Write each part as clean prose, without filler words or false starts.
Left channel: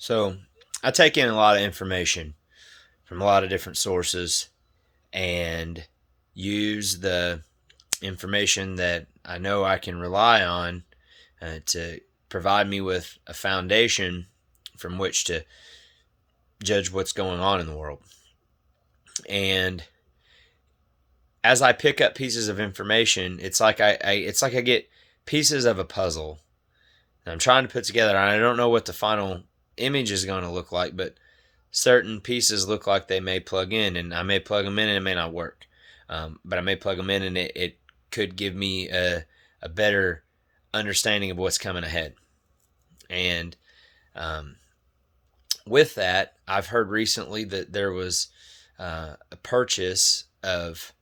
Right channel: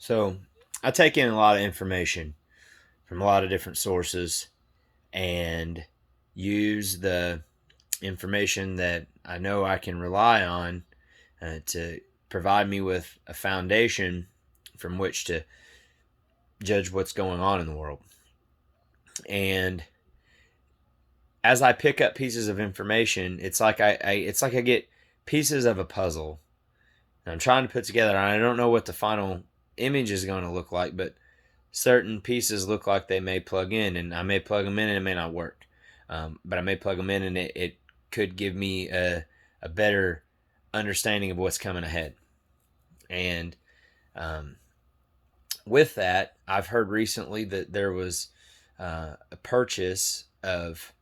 So I take in a lot of information from a lot of different sources and use the information that I know I can rely on to provide me with a foundation from which to judge what's going on in the world. And as I pick up pieces of information, it's like I get pieces of a puzzle that I'm trying to put together. And I don't know what the final image is going to look like, but certain pieces look like they may plug in, and I may plug them in and it may not work. But I may plug them in and it could give me a better understanding of what's coming ahead. And um, with that, I've heard recently that there was a purchase of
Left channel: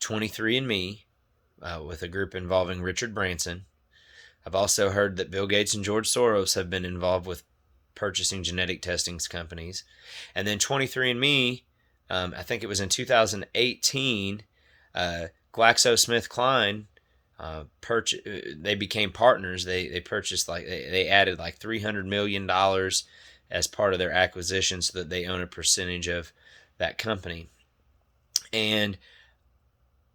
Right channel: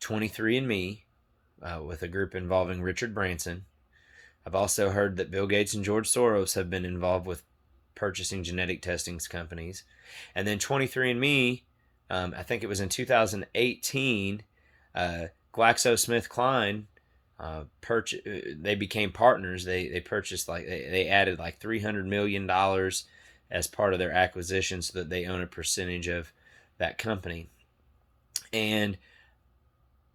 23andMe with a group involving Richard Branson. I've also heard that Bill Gates and George Soros have been involved with purchasing genetic testing companies. And then 23andMe, I think it was in 2018, GlaxoSmithKline they became partners. They purchased they added like $300 million as part of their acquisition, so that they own a percentage of that company. And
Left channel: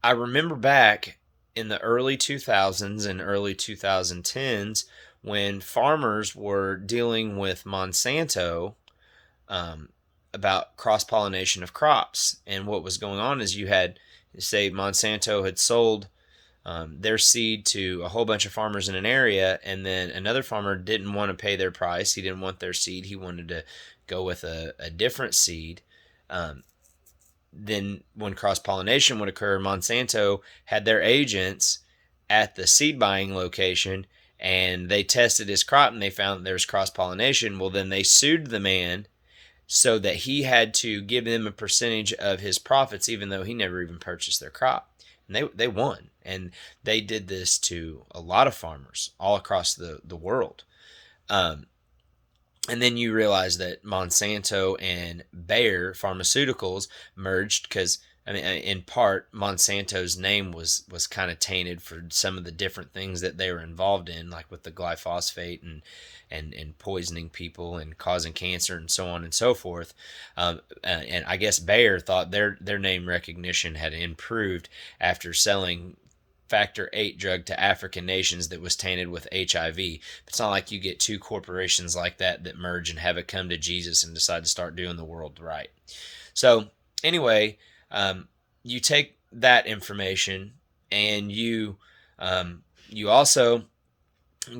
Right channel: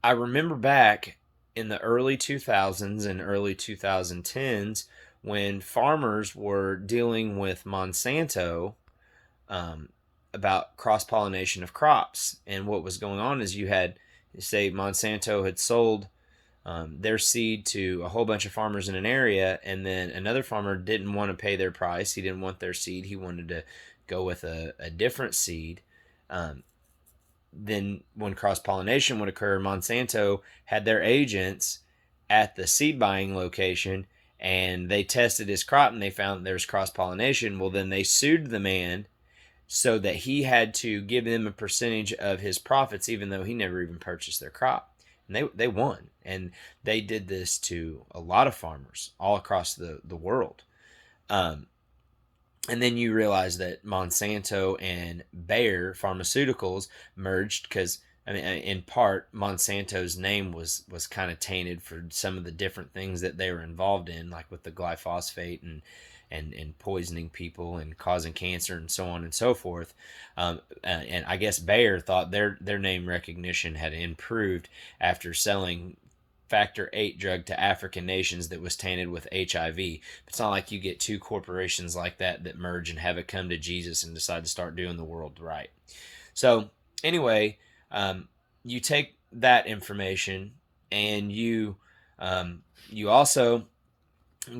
I remember back in the early 2000s and early 2010s when farmers were dealing with Monsanto um, about cross pollination of crops. And what was going on is you had, say, Monsanto had sold their seed to a whole bunch of farmers in an area, and then another farmer didn't want to pay their price. He didn't want their seed. He wanted to go with a different seed. Um, then when cross pollination would occur, Monsanto had their agents at the seed buying location, and they tested his crop and they found there was cross pollination. Well, then they sued the man so that he had to give them a percentage of his profits, even though he never even purchased their crop. And they won. And they did this to a lot of farmers all across the world. Um, and then you realize that Monsanto and Bayer Pharmaceuticals merged because, I mean, in part, Monsanto's name was kind of tainted for some of the different things that they were involved in, like with the glyphosate and poisoning people and causing cancer and so on and so forth. And I guess Bayer thought their name recognition had improved after selling factor 8 drug to African nations that was tainted with HIV. It's not like you get two corporations like that merge and have it come to Jesus and decide to start doing the world right. So, anyway, you take that information and you also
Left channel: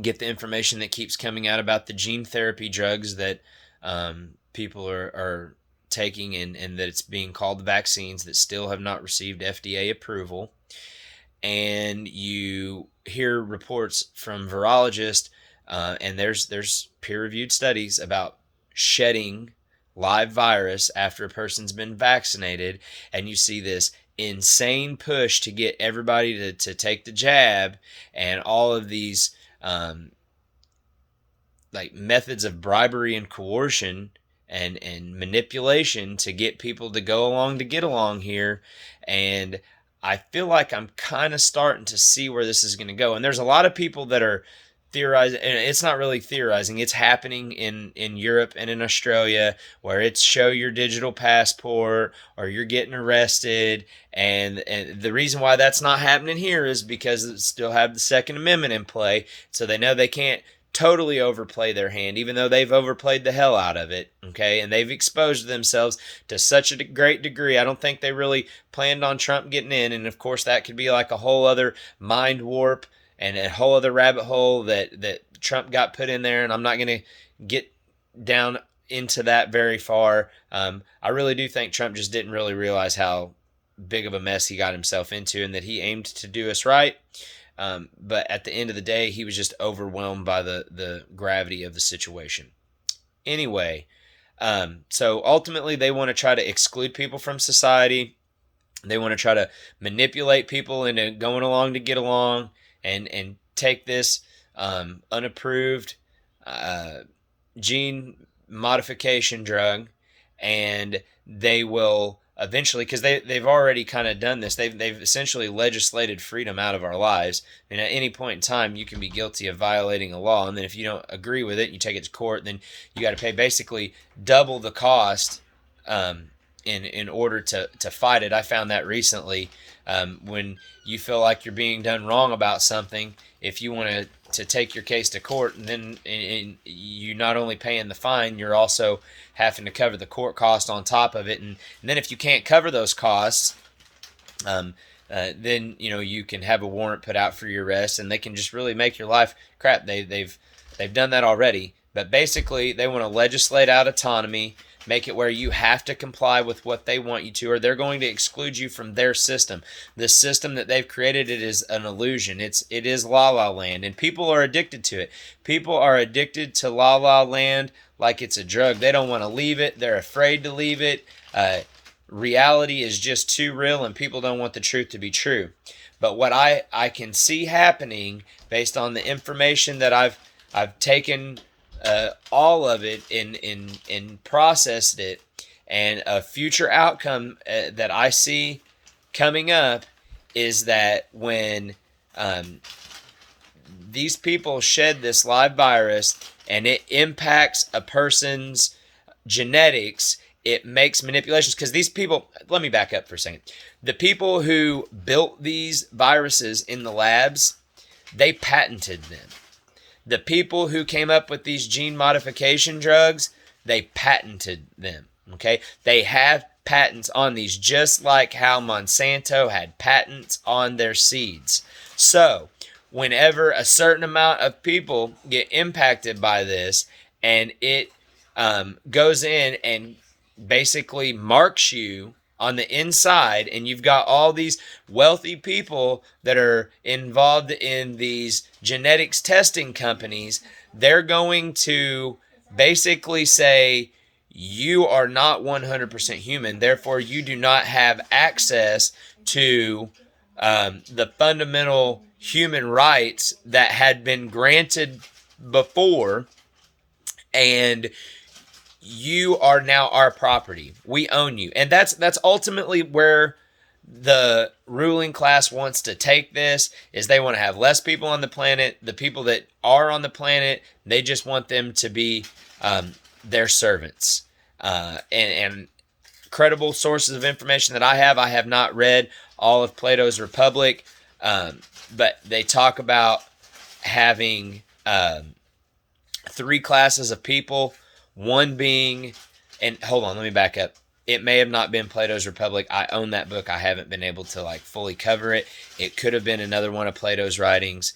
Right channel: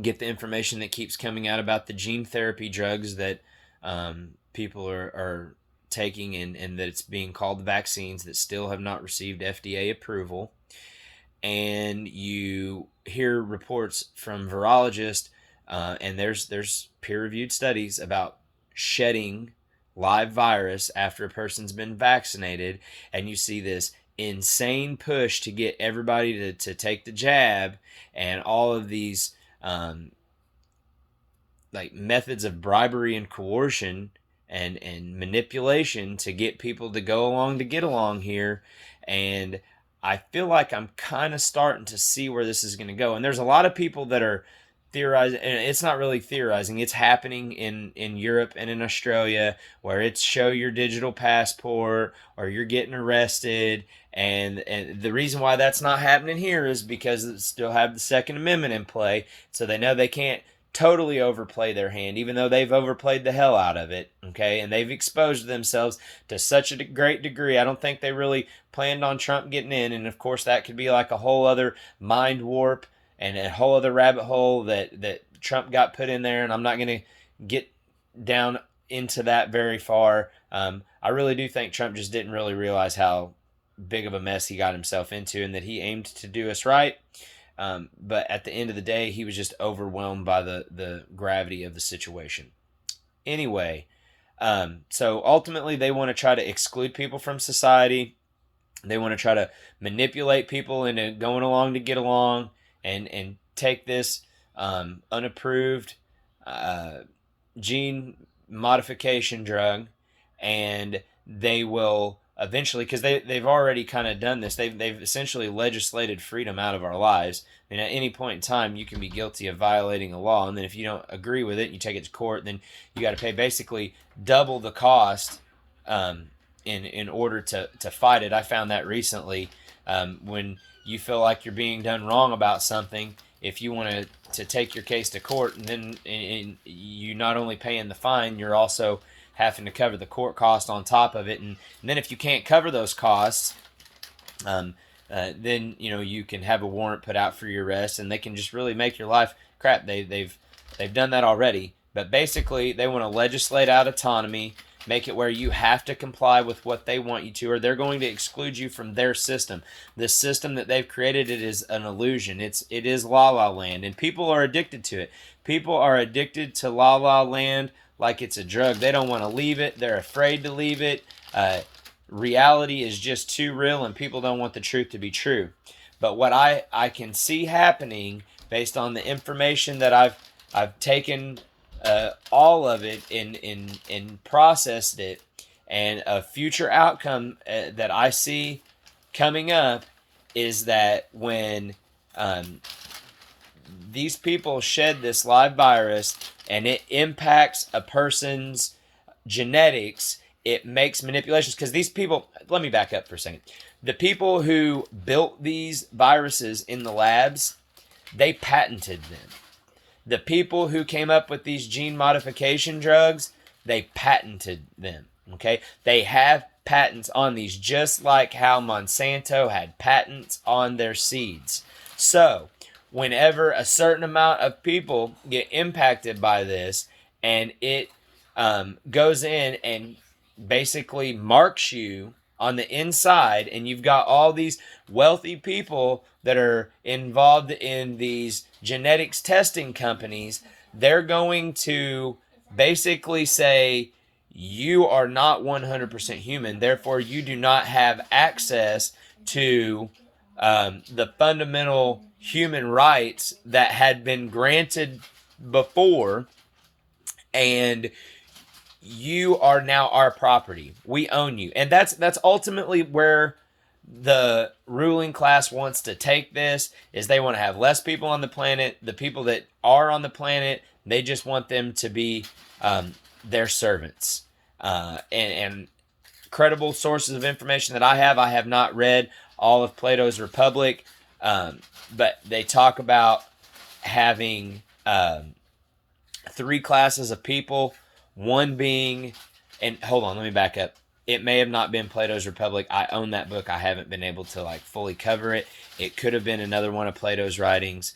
get the information that keeps coming out about the gene therapy drugs that people are taking, and that it's being called vaccines that still have not received FDA approval. And you hear reports from virologists, and there's peer-reviewed studies about shedding live virus after a person's been vaccinated, and you see this insane push to get everybody to take the jab, and all of these like methods of bribery and coercion and manipulation to get people to go along to get along here. And I feel like I'm kind of starting to see where this is going to go. And there's a lot of people that are theorizing, and it's not really theorizing, it's happening in Europe and in Australia, where it's show your digital passport or you're getting arrested. And the reason why that's not happening here is because it still have the Second Amendment in play, so they know they can't totally overplay their hand, even though they've overplayed the hell out of it. Okay, and they've exposed themselves to such a great degree. I don't think they really planned on Trump getting in, and of course that could be like a whole other mind warp and a whole other rabbit hole that Trump got put in there. And I'm not going to get down into that very far. I really do think Trump just didn't really realize how big of a mess he got himself into, and that he aimed to do us right. But at the end of the day, he was just overwhelmed by the gravity of the situation. Anyway, so ultimately, they want to try to exclude people from society. They want to try to manipulate people into going along to get along, and take this unapproved gene modification drug, and they will eventually, because they've already kind of done this. They've essentially legislated freedom out of our lives, and at any point in time you can be guilty of violating a law, and then if you don't agree with it and you take it to court, then you got to pay basically double the cost, in order to fight it. I found that recently, when you feel like you're being done wrong about something, if you want to take your case to court, and then you not only paying the fine, you're also having to cover the court cost on top of it, and then if you can't cover those costs, then you can have a warrant put out for your arrest, and they can just really make your life crap. They've done that already, but basically they want to legislate out autonomy, make it where you have to comply with what they want you to, or they're going to exclude you from their system. The system that they've created, it is an illusion. It is La La Land, and people are addicted to it. People are addicted to La La Land like it's a drug. They don't want to leave it. They're afraid to leave it. Reality is just too real, and people don't want the truth to be true. But what I can see happening, based on the information that I've taken, all of it and processed it, and a future outcome that I see coming up is that when these people shed this live virus and it impacts a person's genetics, it makes manipulations. Because these people, let me back up for a second. The people who built these viruses in the labs, they patented them. The people who came up with these gene modification drugs, they patented them. Okay? They have patents on these, just like how Monsanto had patents on their seeds. So, whenever a certain amount of people get impacted by this, and it goes in and basically marks you on the inside, and you've got all these wealthy people that are involved in these genetics testing companies, they're going to basically say, you are not 100% human, therefore you do not have access to the fundamental human rights that had been granted before, and you are now our property. We own you. And that's ultimately where the ruling class wants to take this, is they want to have less people on the planet. The people that are on the planet, they just want them to be their servants. And credible sources of information that I have not read all of Plato's Republic, but they talk about having 3 classes of people. One being, and hold on, let me back up. It may have not been Plato's Republic. I own that book. I haven't been able to fully cover it. It could have been another one of Plato's writings.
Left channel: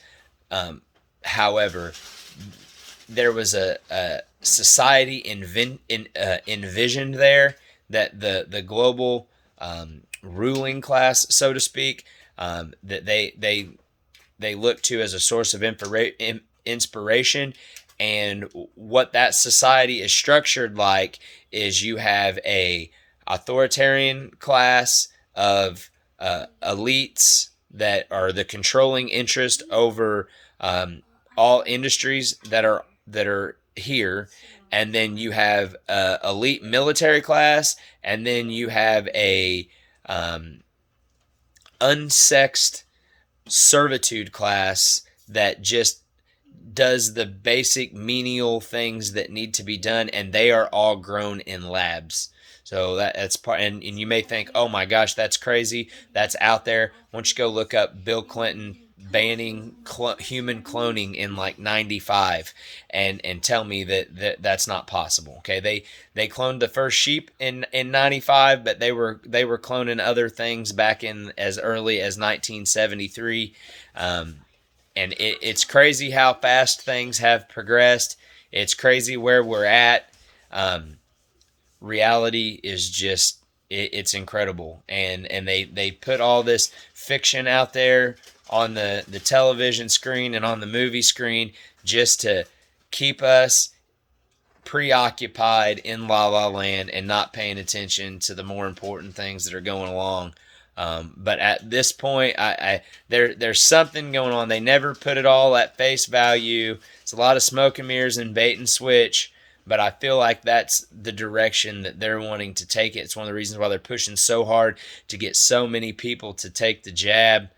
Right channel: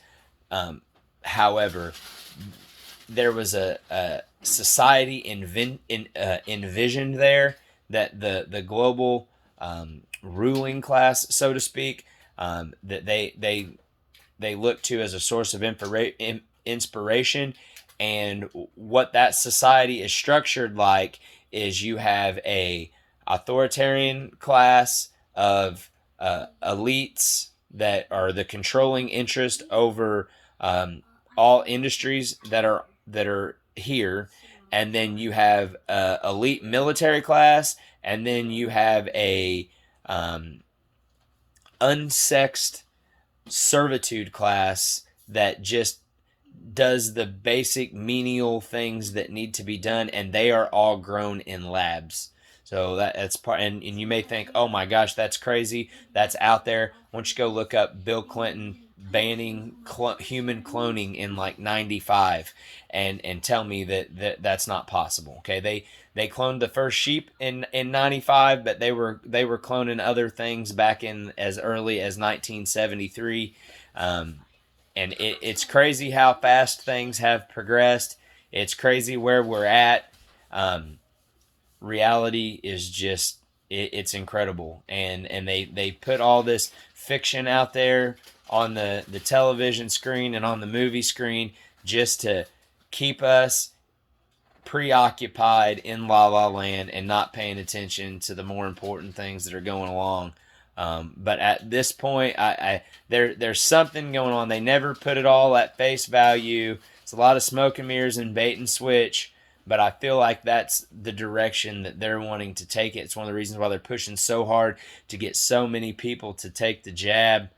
However, there was a society envisioned there, that the global ruling class, so to speak, that they look to as a source of inspiration. And what that society is structured like is you have a authoritarian class of elites that are the controlling interest over all industries that are here, and then you have a elite military class, and then you have a unsexed servitude class that just does the basic menial things that need to be done, and they are all grown in labs. So that's part, and you may think, oh my gosh, that's crazy, that's out there. Why don't you go look up Bill Clinton banning human cloning in 95 and tell me that's not possible. Okay, they cloned the first sheep in 95, but they were cloning other things back in as early as 1973. And it's crazy how fast things have progressed. It's crazy where we're at. Reality is just, it's incredible. And they put all this fiction out there on the television screen and on the movie screen just to keep us preoccupied in La La Land and not paying attention to the more important things that are going along. But at this point, there's something going on. They never put it all at face value. It's a lot of smoke and mirrors and bait and switch. but I feel like that's the direction that they're wanting to take it. It's one of the reasons why they're pushing so hard to get so many people to take the jab.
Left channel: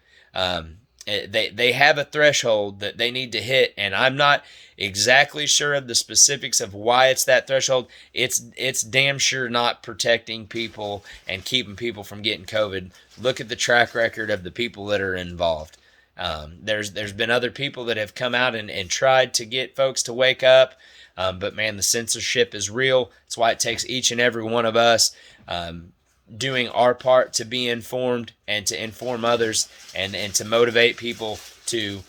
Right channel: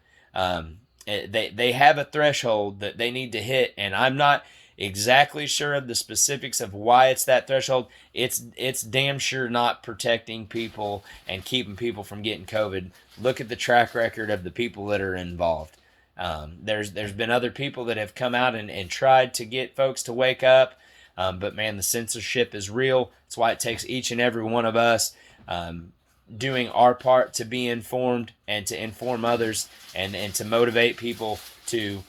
They have a threshold that they need to hit, and I'm not exactly sure of the specifics of why it's that threshold. It's damn sure not protecting people and keeping people from getting COVID. Look at the track record of the people that are involved. There's been other people that have come out and tried to get folks to wake up, but man, the censorship is real. That's why it takes each and every one of us doing our part to be informed and to inform others, and to motivate people to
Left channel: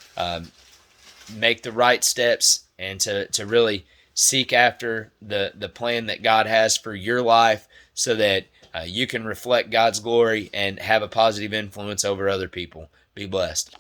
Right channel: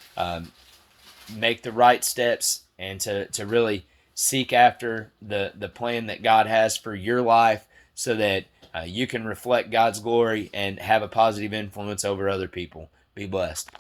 make the right steps, and to really seek after the plan that God has for your life, so that you can reflect God's glory and have a positive influence over other people. Be blessed.